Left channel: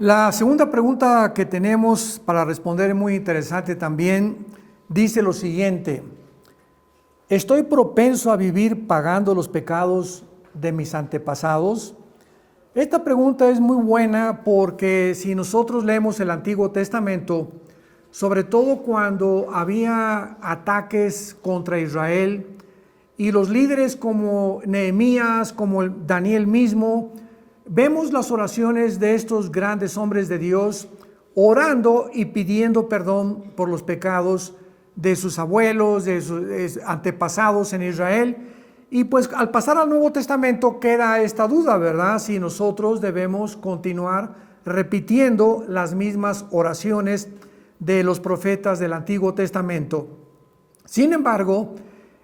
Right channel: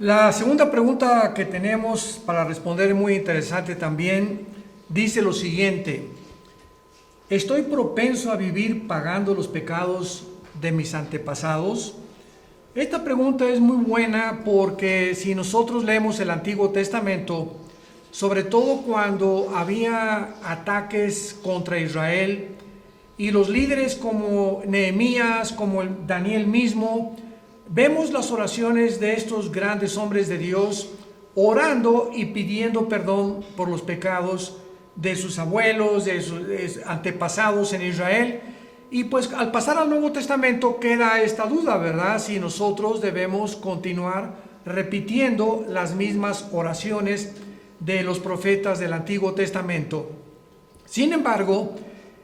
La segunda pregunta que tenemos para responder es muy interesante también. Dice lo siguiente: ¿estoy propenso a vivir pagando los pecados de mis antepasados? Esta pregunta es muy buena porque si nosotros leemos el Antiguo Testamento, sobre todo cuando había ataques contra Israel, y los líderes como Nehemías, como Daniel mismo, vemos las oraciones de estos grandes hombres de Dios orando y pidiendo perdón por los pecados de sus abuelos, de sus antepasados en Israel. Y pues al pasar al Nuevo Testamento queda esta duda, ¿verdad? Si nosotros debemos continuar repitiendo las mismas oraciones de los profetas del Antiguo Testamento. Sin embargo,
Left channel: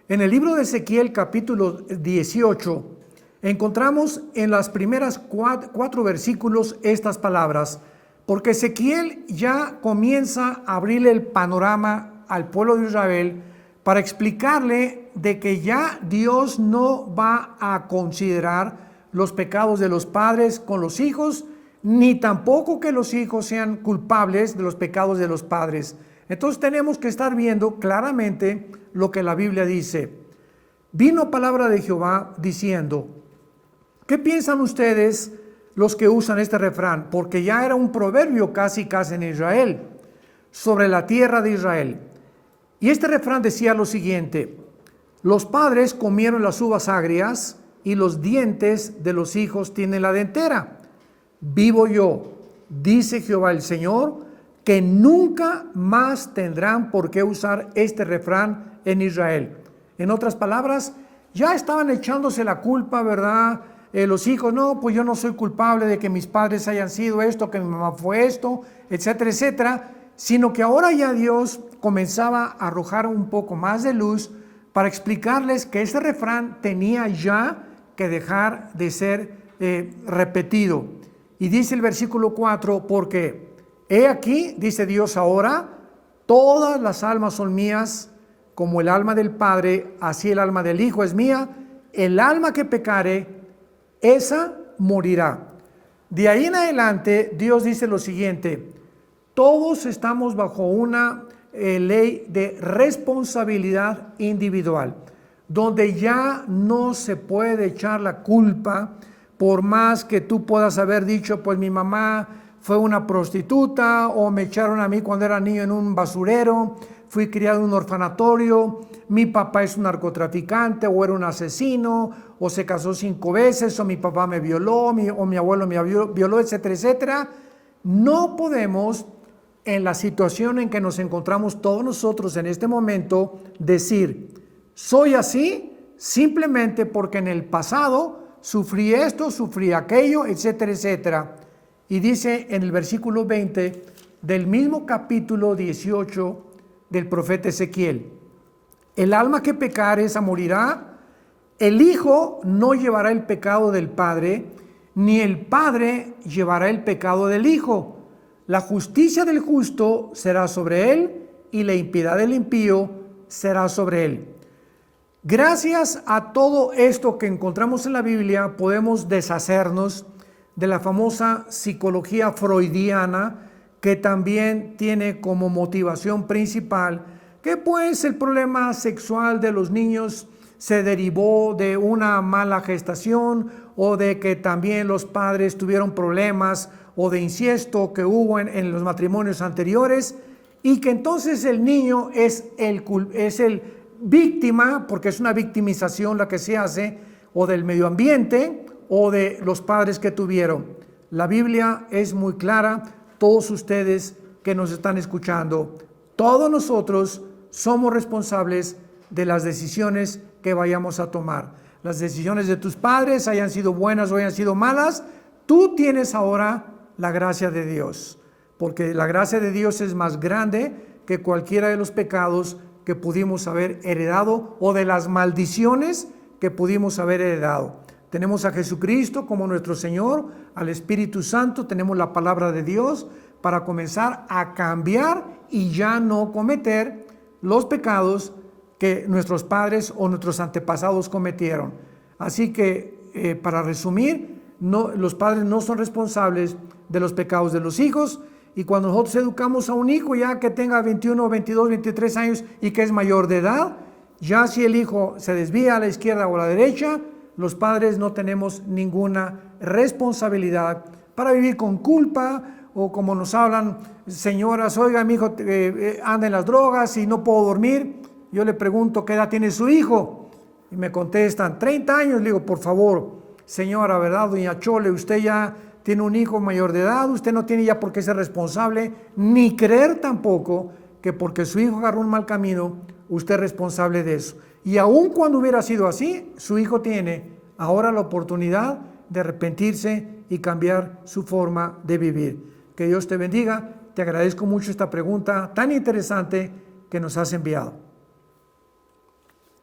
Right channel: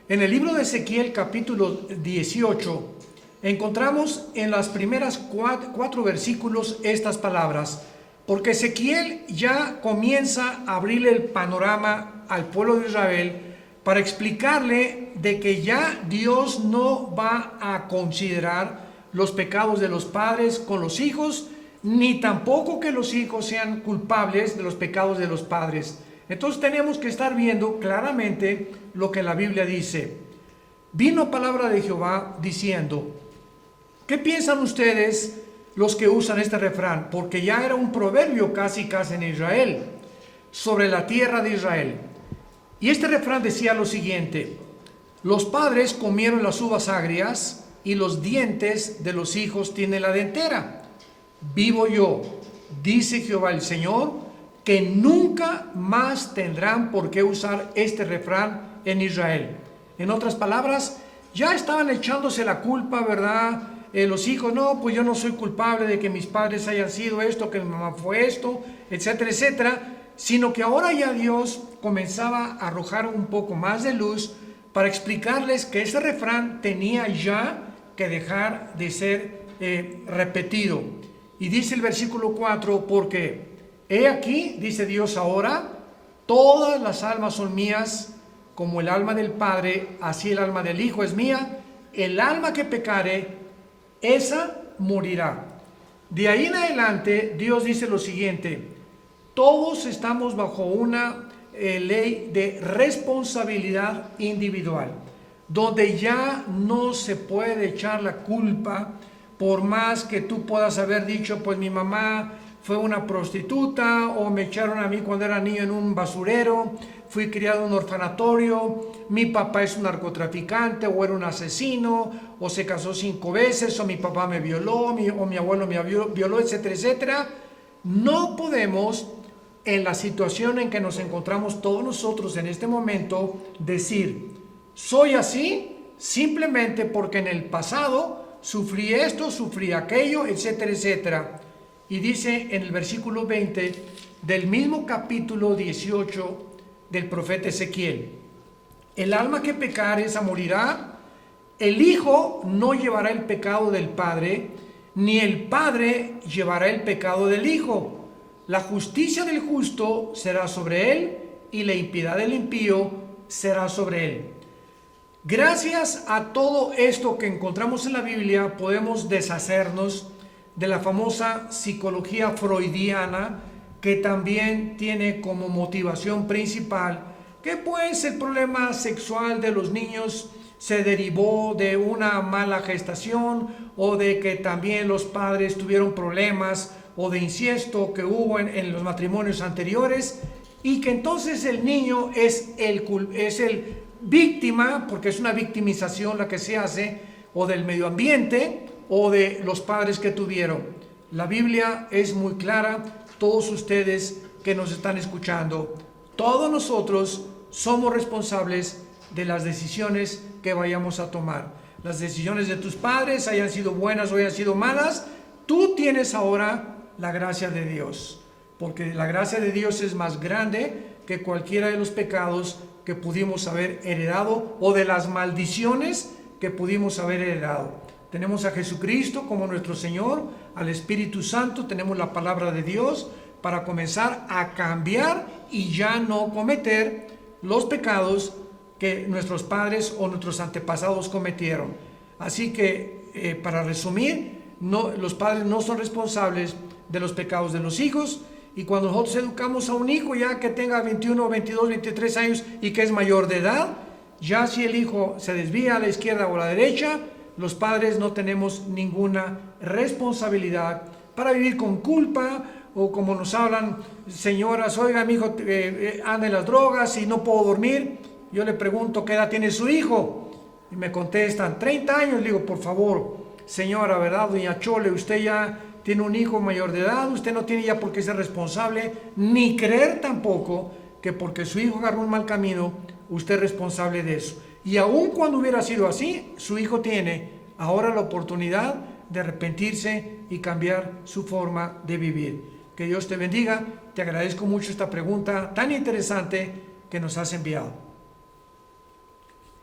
en el libro de Ezequiel capítulo 18, encontramos en las primeras cuatro versículos estas palabras, porque Ezequiel ya comienza a abrirle el panorama al pueblo de Israel para explicarle de que ya Dios no va a considerar los pecados de los padres con los hijos, ni tampoco que los hijos sean culpables de los pecados de los padres. Entonces tenemos que estar viendo claramente lo que la Biblia dice. Vino palabra de Jehová diciendo, ¿qué piensan ustedes los que usan este refrán? Porque ya era un proverbio casi en Israel, sobre la tierra de Israel. Y este refrán decía lo siguiente: los padres comieron las uvas agrias y los dientes de los hijos tienen la dentera. Vivo yo, dice Jehová el Señor, que nunca más tendrán por qué usar este refrán en Israel. En otras palabras, ya estaban echándose la culpa, ¿verdad? Los hijos, no, pues yo no soy culpable de que mis padres hayan sido esto, que mi mamá fue esto, etcétera, etcétera, sino que ahora ya Dios comenzaba a arrojar un poco más de luz para explicarles que ese refrán tenía ya que dejar de ser repetido. Y dice el versículo 4, porque he aquí, dice Dios ahora, todas las almas son mías, como el alma del Padre, así el alma del Hijo es mía. El alma que pecare, esa morirá. De ahí en adelante, Dios dice lo siguiente: todos estamos bajo una ley de responsabilidad individual, donde ya no se puede echar la culpa, por más que tú puedas haber dicho, pues mi mamá fue una prostituta, o me echaron a mí cuando era niño en un basurero, fui criado en un orfanatorio, mi papá es un narcotraficante, o era un asesino, o se casó 5 veces, o mi papá me violó, o mi abuelo me violó, etcétera, etcétera. No podemos, en la situación en que nos encontramos todos nosotros en este momento, decir, soy así simplemente porque en el pasado sufrí esto, sufrí aquello, etcétera, etcétera. Y dice en el versículo 20 del mismo capítulo 18 del profeta Ezequiel: el alma que pecare, esa morirá. El hijo no llevará el pecado del padre, ni el padre llevará el pecado del hijo. La justicia del justo será sobre él, y la impiedad del impío será sobre él. Gracias a todo esto que encontramos en la Biblia, podemos deshacernos de la famosa psicología freudiana, que también tiene como motivación principal que pues el problema sexual de los niños se derivó de una mala gestación, o de que también los padres tuvieron problemas, o de incesto que hubo en los matrimonios anteriores, y que entonces el niño es el víctima, porque es una victimización la que se hace, o del medio ambiente, o de los padres que tuvieron. La Biblia es muy clara, todos ustedes que nos están escuchando, todos nosotros somos responsables de las decisiones que vayamos a tomar. Las decisiones de tus padres, hayan sido buenas o hayan sido malas, tú tienes ahora la gracia de Dios, porque la gracia de Dios es más grande que cualquiera de los pecados que pudimos haber heredado, o de las maldiciones que pudimos haber heredado. Tenemos a Jesucristo como nuestro Señor, al Espíritu Santo, tenemos la palabra de Dios para comenzar a cambiar y ya no cometer los pecados que nuestros padres o nuestros antepasados cometieron. Así que, para resumir, los padres no son responsables de los pecados de los hijos. Y cuando nosotros educamos a un hijo ya que tenga 21, 22, 23 años y que es mayor de edad, ya si el hijo se desvía a la izquierda o a la derecha, los padres no tenemos ninguna responsabilidad para vivir con culpa, o como nos hablan señoras: oiga, mi hijo anda en las drogas y no puedo dormir. Yo le pregunto qué edad tiene su hijo y me contestan 30 años. Le digo, por favor, señora, ¿verdad, doña Chole? Usted ya tiene un hijo mayor de edad, usted no tiene ya por qué ser responsable, ni creer tampoco que porque su hijo agarró un mal camino, usted es responsable de eso. Y aun cuando hubiera sido así, su hijo tiene ahora la oportunidad de arrepentirse y cambiar su forma de vivir. Que Dios te bendiga. Te agradezco mucho esta pregunta tan interesante que nos has enviado.